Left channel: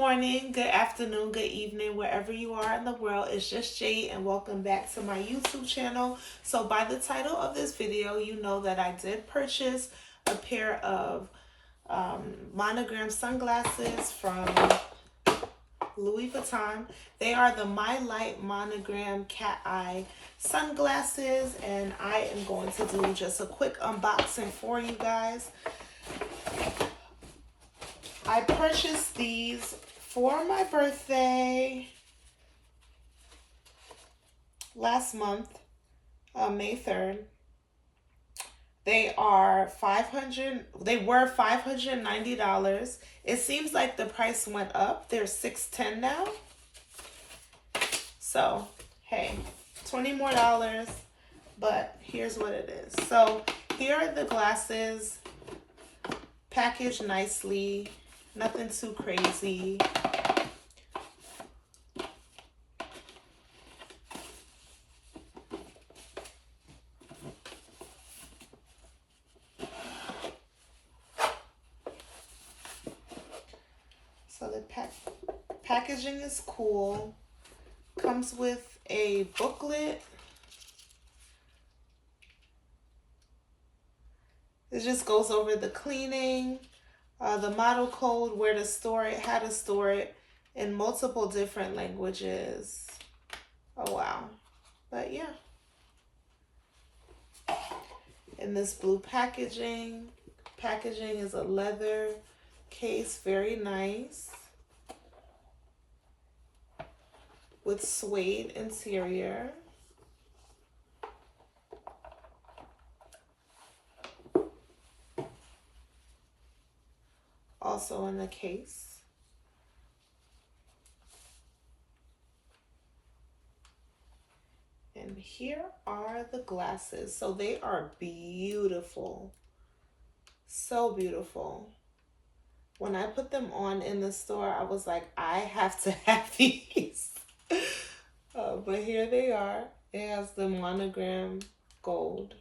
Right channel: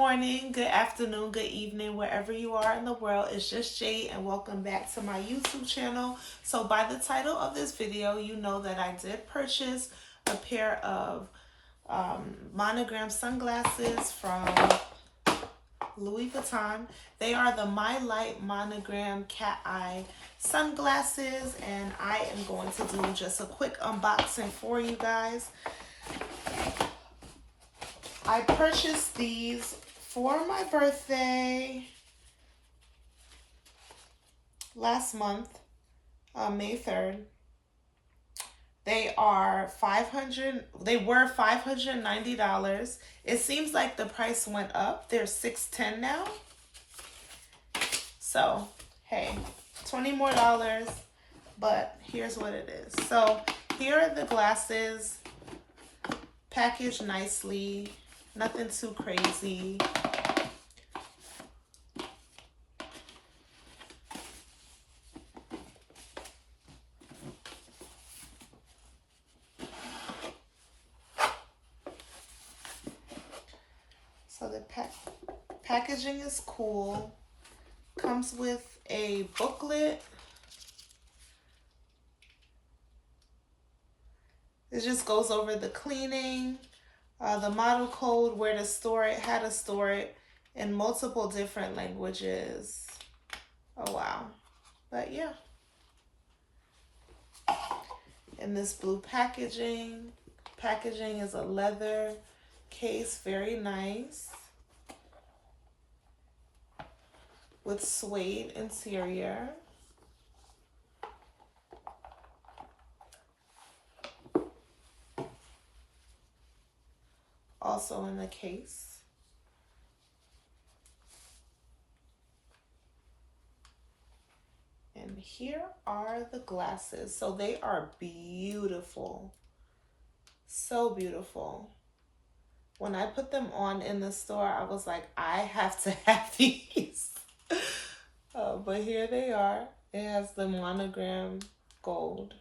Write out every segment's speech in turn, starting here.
morning, good afternoon, good evening, wherever you are in the world. It's just Jade and welcome back to my YouTube channel. So by the title of this video, you know that I did purchase a pair of Monogram sunglasses from Louis Vuitton. They are the My Light Monogram Cat Eye sunglasses, and I am going to do just a quick unboxing for you guys. I purchased these for my birthday last month, May 3rd. They were $590. It seems like the price went up. They're $610 now. So, hey, $20 more, but here's what it is. So, here are the glasses, packaged nicely. Nothing too crazy. So the packaging is cool. Comes with a booklet. It just goes over the cleaning, the model code, where to store it, how to store it in multiple different languages. Oh, wow. But yeah. In this blue packaging. Packaging is a leather case, very nice. With suede interior. Also in the case. And here are the glasses. So they are beautiful. So beautiful. When I put them on in the store, I was like, I have to have these. But here they are. It has the monogram gold.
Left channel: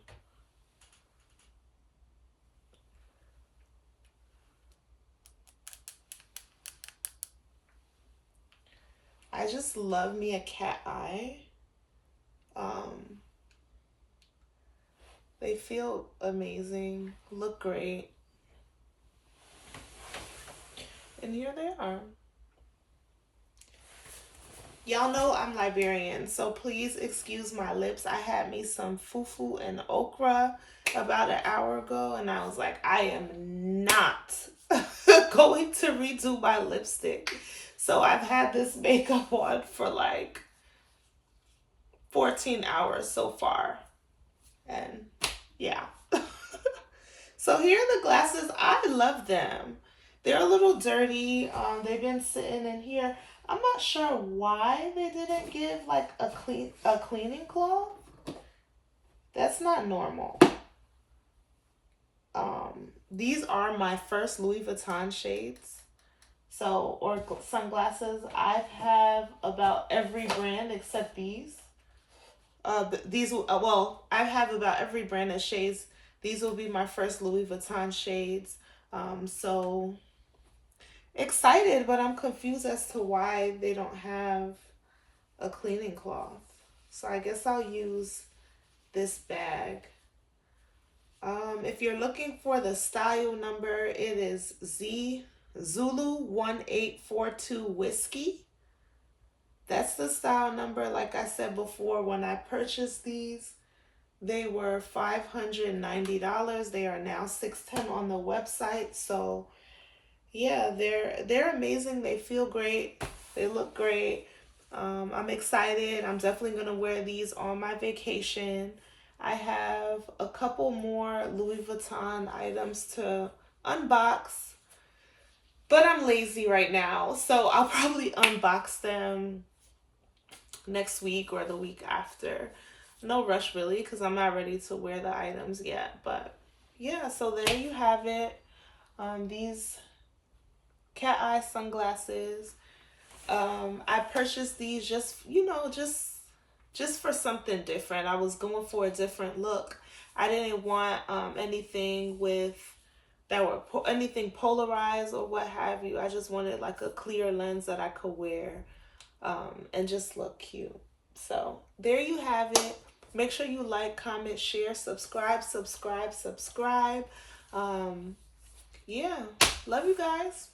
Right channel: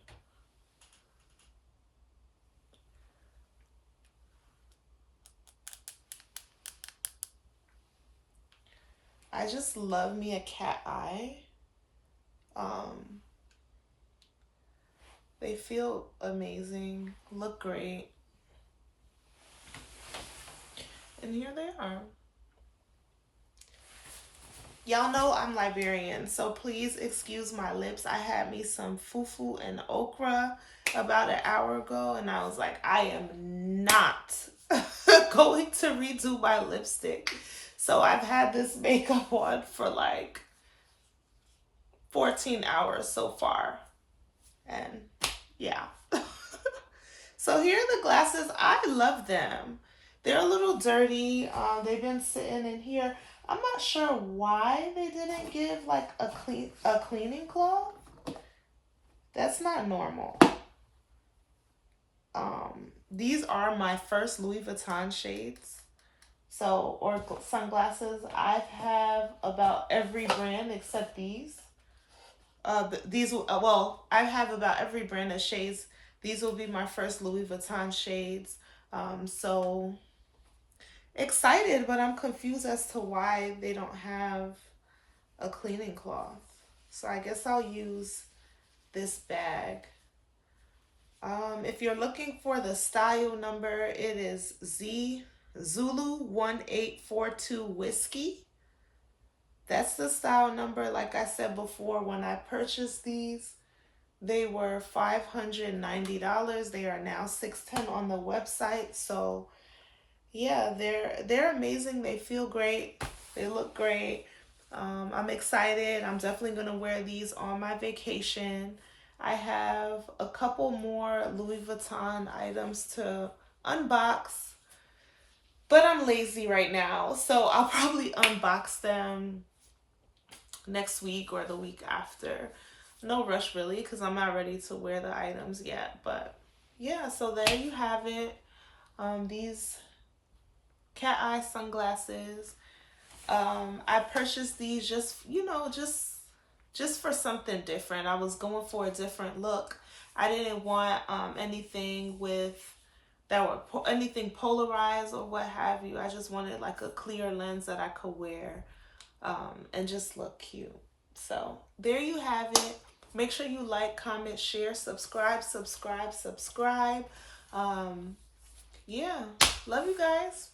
I just love me a cat eye. They feel amazing, look great. And here they are. Y'all know I'm Liberian, so please excuse my lips. I had me some fufu and okra about an hour ago, and I was like, I am not going to redo my lipstick. So I've had this makeup on for like 14 hours so far. And yeah. So here are the glasses. I love them. They're a little dirty. They've been sitting in here. I'm not sure why they didn't give like a cleaning cloth. That's not normal. These are my first Louis Vuitton shades. So, or sunglasses. I have about every brand except these. Well, I have about every brand of shades. These will be my first Louis Vuitton shades. So excited, but I'm confused as to why they don't have a cleaning cloth. So I guess I'll use this bag. If you're looking for the style number, it is Zulu 1842 Whiskey. That's the style number. Like I said before, when I purchased these, they were $590. They are now $610 on the website. So yeah, they're amazing. They feel great. They look great. I'm excited. I'm definitely gonna wear these on my vacation. I have a couple more Louis Vuitton items to unbox, but I'm lazy right now, so I'll probably unbox them next week or the week after. No rush really, because I'm not ready to wear the items yet. But yeah, so there you have it. These cat eye sunglasses. I purchased these just, you know, just for something different. I was going for a different look. I didn't want anything with that were anything polarized or what have you. I just wanted like a clear lens that I could wear and just look cute. So there you have it. Make sure you like, comment, share, subscribe, subscribe, subscribe. Yeah, love you guys.